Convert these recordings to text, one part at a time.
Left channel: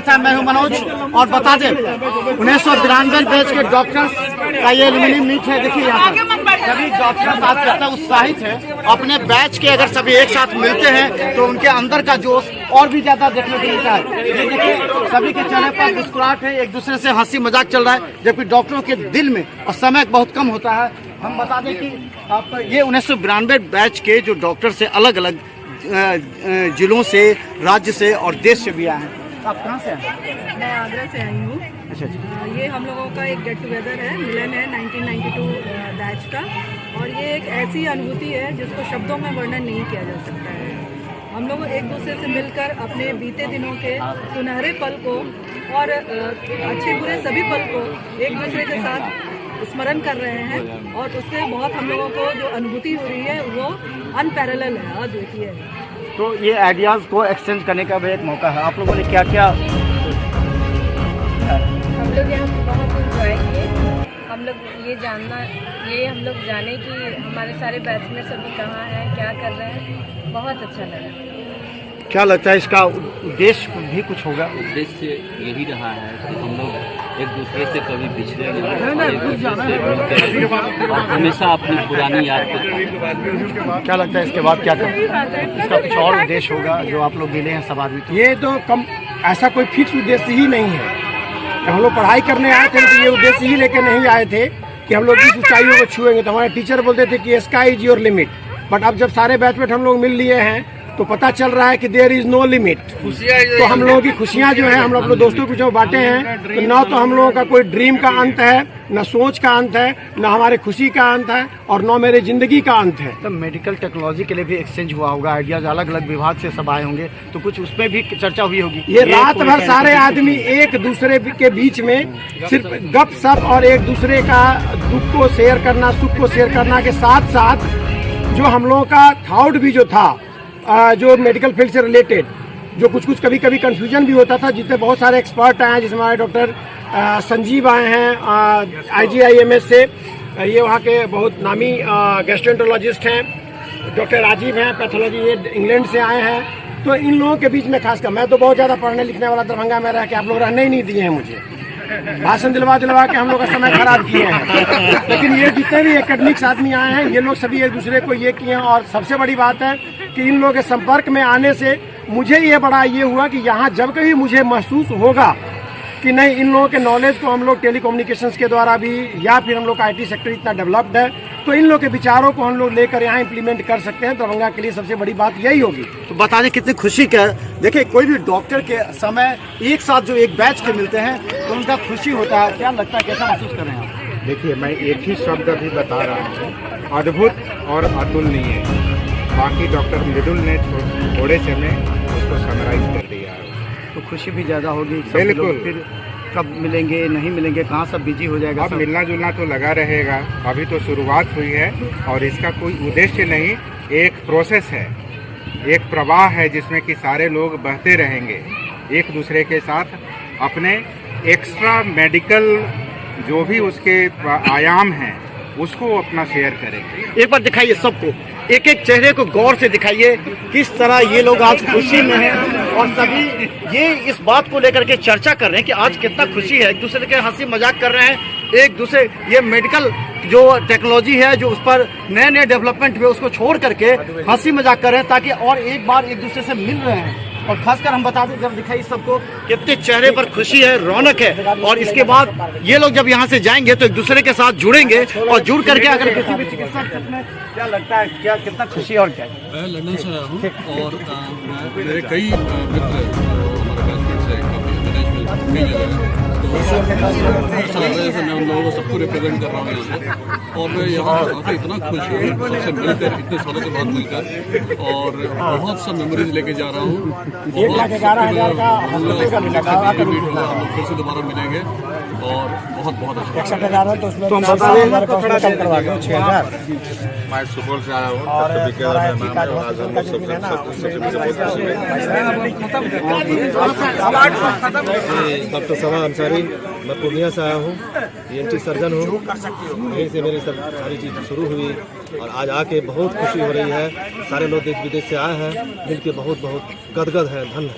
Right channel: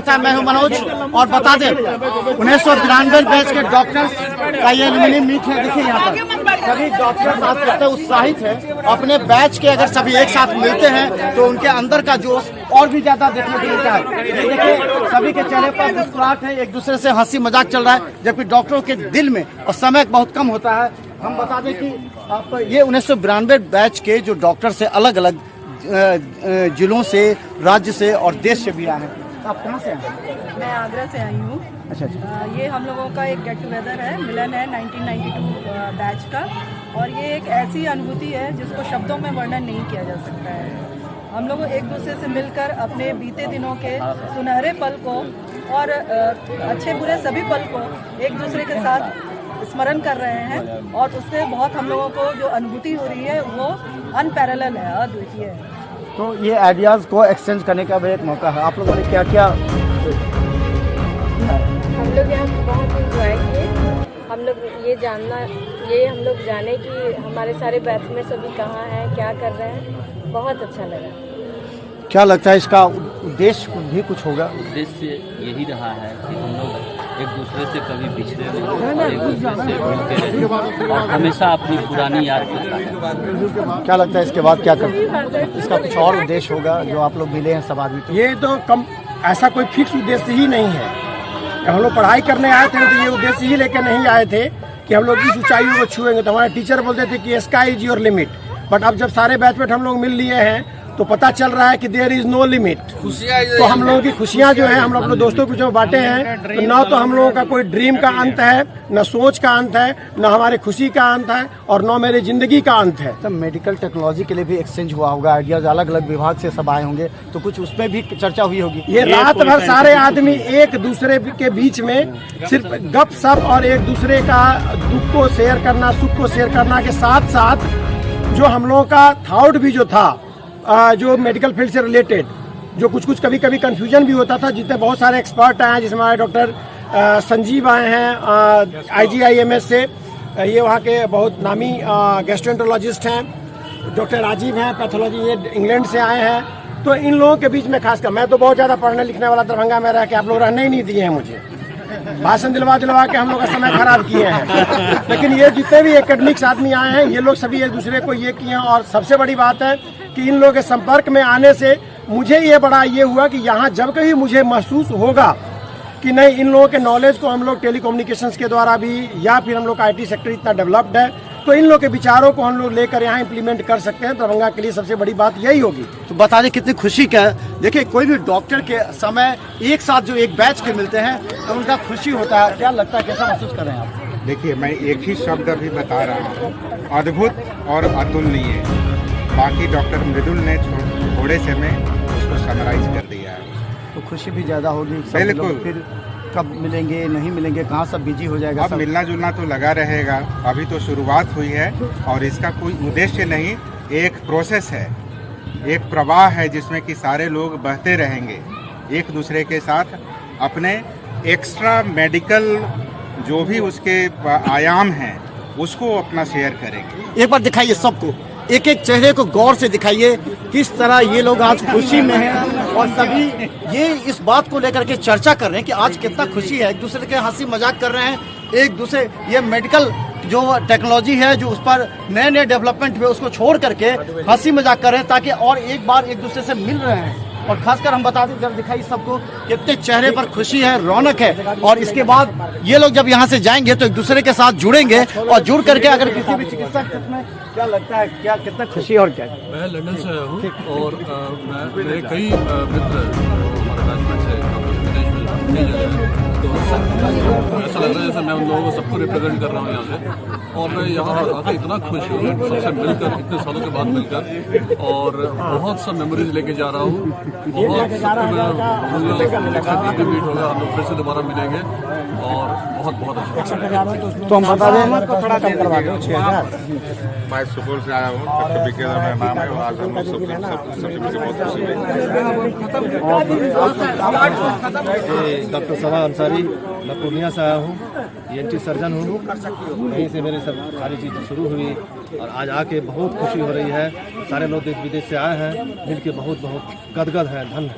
स्वागत है। मैं हूं मनोज और बता दें 1992 बैच के डॉक्टर्स का ये एल्यूमिनियम मीट है। देखिए यहाँ पर सभी डॉक्टर्स आज कितने उत्साहित हैं। अपने बैच के अगर सभी एक साथ मिलते हैं तो उनके अंदर का जोश और भी ज्यादा देखने को मिलता है। ये देखिए सभी के चेहरे पर मुस्कुराहट है, एक दूसरे से हंसी मजाक चल रहा है, जबकि डॉक्टरों के दिल में और समय बहुत कम होता है। हम बता दें कि आप ये 1992 बैच के जो डॉक्टर से अलग अलग जिलों से, राज्य से और देश से भी आए हैं। आप कहाँ से आए? मैं आगरा से आई हूँ। अच्छा। ये हम लोगों का एक गेट टुगेदर है, मिलन है 1992 बैच का, और ये एक ऐसी अनुभूति है जिसको शब्दों में वर्णन नहीं किया जा सकता है। हम लोग एक दूसरे से मिलकर अपने बीते दिनों के सुनहरे पल को और अच्छे बुरे सभी पल को एक दूसरे के साथ स्मरण कर रहे हैं, और उससे बहुत हम लोगों को जो अनुभूति हो रही है वो अनपैरेलल है, अद्वितीय है। तो ये आइडियाज़ को एक्सचेंज करने का भी एक मौका है। आप लोगों ने क्या क्या? हम लोग यहाँ बहुत इंजॉय किए। हम लोग जाने कि हमारे सारे बैच में सभी कहाँ हैं, क्या कर रहे हैं, बहुत अच्छा लगा। क्या लगता है इसका उद्देश्य भी कुछ होगा? उद्देश्य यही रहा है कि हम लोग एक दूसरे से कभी पिछड़े और हमेशा अपनी पुरानी याद को ताज़ा। क्या लगता है इसके बाद क्या करें? इसका कुछ और उद्देश्य होगा जो आप लोग मिले हैं सब आदमी? ये तो कम ऐसा कोई फिक्स उद्देश्य ही नहीं है। जब हम लोग पढ़ाई करने आए थे तो ये उद्देश्य ही लेकर नहीं आए थे कि हम लोग इस ऊंचाइयों को छुएंगे। तो हमारे टीचर बोलते थे कि sky is your limit, but अब जब सारे बैचमेट हम लोग मिल लिए हैं तो पता चल रहा है कि देयर इज नो लिमिट। तो हम लोगों की खुशियां जो है हम लोग अपने दोस्तों को जो बांटे हैं, तो न तो हम लोगों का कोई ड्रीम का अंत है, न सोच का अंत है, न हमारे खुशी का अंत है, और न मेरी जिंदगी का अंत है। तो मेडिकल टेक्नोलॉजी के लिए भी एक्सचेंज हुआ होगा, आइडियाज अलग अलग विभाग से सब आए होंगे, तो कुछ उसमें भी चर्चा हुई होगी। ये रात भर सारे आदमी एक दूसरे के बीच में सिर्फ गप सप और एक दूसरे का दुख को शेयर करना, सुख को शेयर करना के साथ साथ जो हम लोगों का थॉट भी जो था, जो मेडिकल फील्ड से रिलेटेड, जो कुछ कभी कभी कंफ्यूजन भी होता था, जितने बहुत सारे एक्सपर्ट आए हैं, जिसमें हमारे डॉक्टर संजीव आए हैं IGIMS से, ये वहाँ के बहुत नामी गैस्ट्रोएंटरोलॉजिस्ट हैं। डॉक्टर राजीव हैं पैथोलॉजी, ये इंग्लैंड से आए हैं। तो इन लोगों के बीच में खासकर मैं तो बहुत ज़्यादा पढ़ने लिखने वाला दरभंगा में रह के आप लोग रहने ही नहीं दिए हैं मुझे, भाषण दिलवा के हम लोग का समय खराब किए हैं। लेकिन ये जितने भी एकेडमिक्स आदमी आए हैं ये लोग सभी एक दूसरे को ये किए हैं। और सबसे बड़ी बात है कि इन लोगों के संपर्क में आने से मुझे ये बड़ा ये हुआ कि यहाँ जब कभी मुझे महसूस होगा कि नहीं, इन लोगों के नॉलेज को हम लोग टेलीकम्युनिकेशंस के द्वारा भी, या फिर हम लोग का IT सेक्टर इतना डेवलप्ड है, तो इन लोग के विचारों को हम लोग लेकर यहाँ इम्प्लीमेंट कर सकते हैं। दरभंगा के लिए सबसे बड़ी बात यही होगी। तो बता दें कितनी खुशी का है। देखिए कोई भी डॉक्टर के समय एक साथ जो एक बैच के मिलते हैं तो उनका खुशी होता है। क्या लगता है, कैसा महसूस करें आप? देखिए मैं एक ही शब्द अभी बता रहा हूँ, अद्भुत और अतुलनीय। बाकी डॉक्टर मृदुल ने थोड़े से में उसको समराइज कर दिया है। तो खुशी भी ज़्यादा होगी। बिल्कुल। फिर कब मिलेंगे, नहीं मिलेंगे, कहाँ सब बिजी हो जाएगा? अब मिलना जुलना तो लगा रहेगा। अभी तो शुरुआत हुई है और इसका कोई उद्देश्य नहीं, एक प्रोसेस है, एक प्रवाह है जिसमें कि सारे लोग बहते रहेंगे एक दूसरे के साथ। अपने एक्स्ट्रा मेडिकल जो भी उसके आयाम हैं उसको अपना शेयर करेंगे। एक बार दिखाइए सबको, एक एक चेहरे को गौर से दिखाइए किस तरह ये लोग आज खुशी में हैं, और सभी ये इस बात को लेकर के चर्चा कर रहे हैं कि आज कितना खुशी है। एक दूसरे के हंसी मजाक कर रहे हैं, एक दूसरे ये मेडिकल जो टेक्नोलॉजी है जो उस पर नए नए डेवलपमेंट हुए उसको छोड़ करके हंसी मजाक कर रहे हैं, ताकि और एक बार एक दूसरे से मिल रहे हैं। और खासकर हम बता दें, जब दिखाई सबको कितने चेहरे पर खुशी है, रौनक है। और इसके बाद ये लोग जब यहाँ से जाएंगे तो एक दूसरे के साथ जुड़ेंगे, और जुड़ करके अगर किसी भी चिकित्सक में क्या लगता है, क्या कितना खुशी और क्या? मैं लंदन से आया हूँ और मेरे कई मित्र ऐसा लग रहा है जैसे मैं उन लोगों को सबको रिप्रेजेंट कर रहा हूँ यहाँ पे। और मैं यहाँ पर आकर इतना खुश हूँ सबसे मिलकर, इतने सालों के बाद मिलकर, और बहुत सा मेमोरीज लेके जा रहा हूँ। बहुत हम लोग मीट होगा, हम लोग फिर से दोबारा मिलेंगे और बहुत बहुत अच्छा। तो हम बता दें मैं सुपौल से आया हूँ, डॉक्टर विकेंद्र मेरा नाम है, और आज हम लोग डॉक्टर सभा अंसारी, मैं पूर्णिया से आया हूँ, ENT सर्जन हूँ। यहीं से मेरी सब सारी चीज़ शुरू हुई और आज आके बहुत खुशी हो रही है। सारे लोग देश विदेश से आए हैं, मिल के बहुत बहुत गदगद है, धन्य।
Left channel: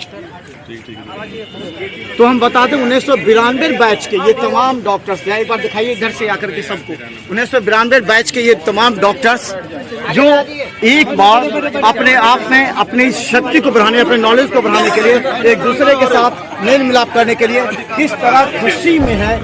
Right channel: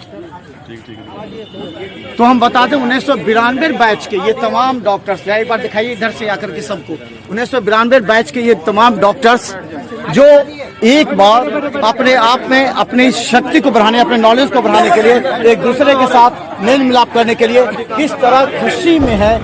तो हम बता दें 1992 बैच के ये तमाम डॉक्टर्स, एक बार दिखाइए इधर से आकर के सबको, 1992 बैच के ये तमाम डॉक्टर्स जो एक बार अपने आप में अपनी शक्ति को बढ़ाने, अपने नॉलेज को बढ़ाने के लिए, एक दूसरे के साथ मेल मिलाप करने के लिए किस तरह खुशी में है।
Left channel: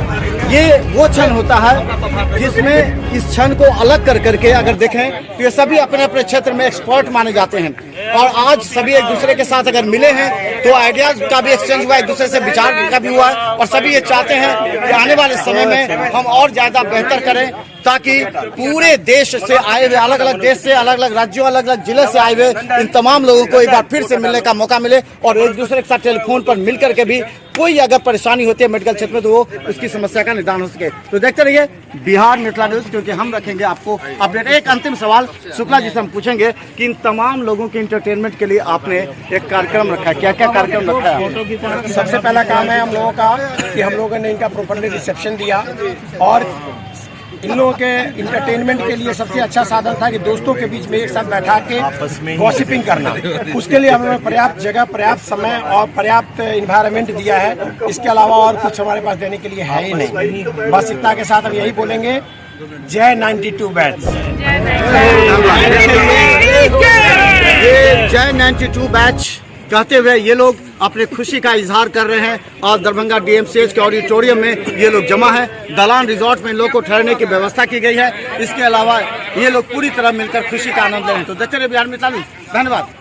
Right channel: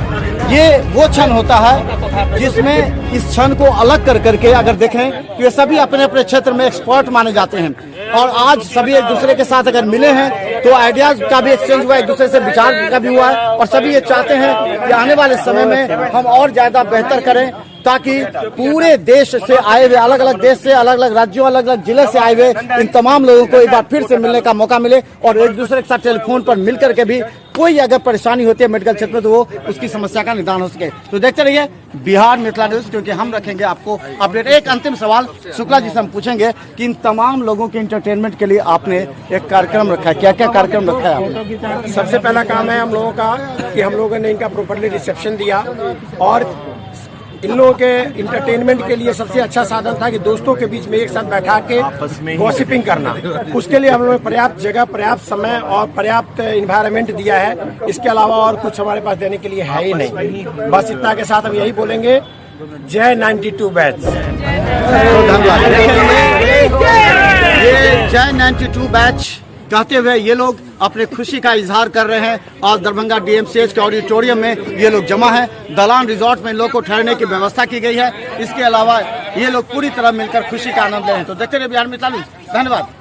ये वो क्षण होता है जिसमें इस क्षण को अलग कर करके अगर देखें तो ये सभी अपने अपने क्षेत्र में एक्सपर्ट माने जाते हैं और आज सभी एक दूसरे के साथ अगर मिले हैं तो आइडियाज का भी एक्सचेंज हुआ, एक दूसरे से विचार का भी हुआ और सभी ये चाहते हैं कि आने वाले समय में हम और ज्यादा बेहतर करें ताकि पूरे देश से आए हुए, अलग अलग देश से, अलग अलग राज्यों, अलग अलग जिले से आए हुए इन तमाम लोगों को एक बार फिर से मिलने का मौका मिले और एक दूसरे के साथ टेलीफोन पर मिल करके भी कोई अगर परेशानी होती है मेडिकल क्षेत्र में तो वो उसकी समस्या का निदान हो सके। तो देखते रहिए बिहार मिथिला न्यूज, क्योंकि हम रखेंगे आपको अपडेट। एक अंतिम सवाल शुक्ला जी से हम पूछेंगे कि इन तमाम लोगों के इंटरटेनमेंट के लिए आपने एक कार्यक्रम रखा है, क्या क्या कार्यक्रम रखा है? सबसे पहला काम है हम लोगों का कि हम लोगों ने इनका प्रॉपरली रिसेप्शन दिया और इन लोगों के इंटरटेनमेंट के लिए सबसे अच्छा साधन था कि दोस्तों के बीच में एक साथ बैठा के गॉसिपिंग करना। उसके लिए हमने पर्याप्त जगह, पर्याप्त समय और पर्याप्त इन्वायरमेंट दिया है। इसके अलावा और कुछ हमारे पास देने के लिए है ही नहीं। बस इतना के साथ हम यही बोलेंगे, जय 92 बैच। ये जय 92 बैच कहते हुए ये लोग अपने खुशी का इजहार कर रहे हैं और दरभंगा डीएमसीएच के ऑडिटोरियम में ये लोग जमा है। दलान रिजॉर्ट में इन लोग को ठहरने की व्यवस्था की गई है। इसके अलावा ये लोग पूरी तरह मिलकर खुशी का आनंद ले रहे हैं। तो देखते रहिए बिहार मिथिला न्यूज। धन्यवाद।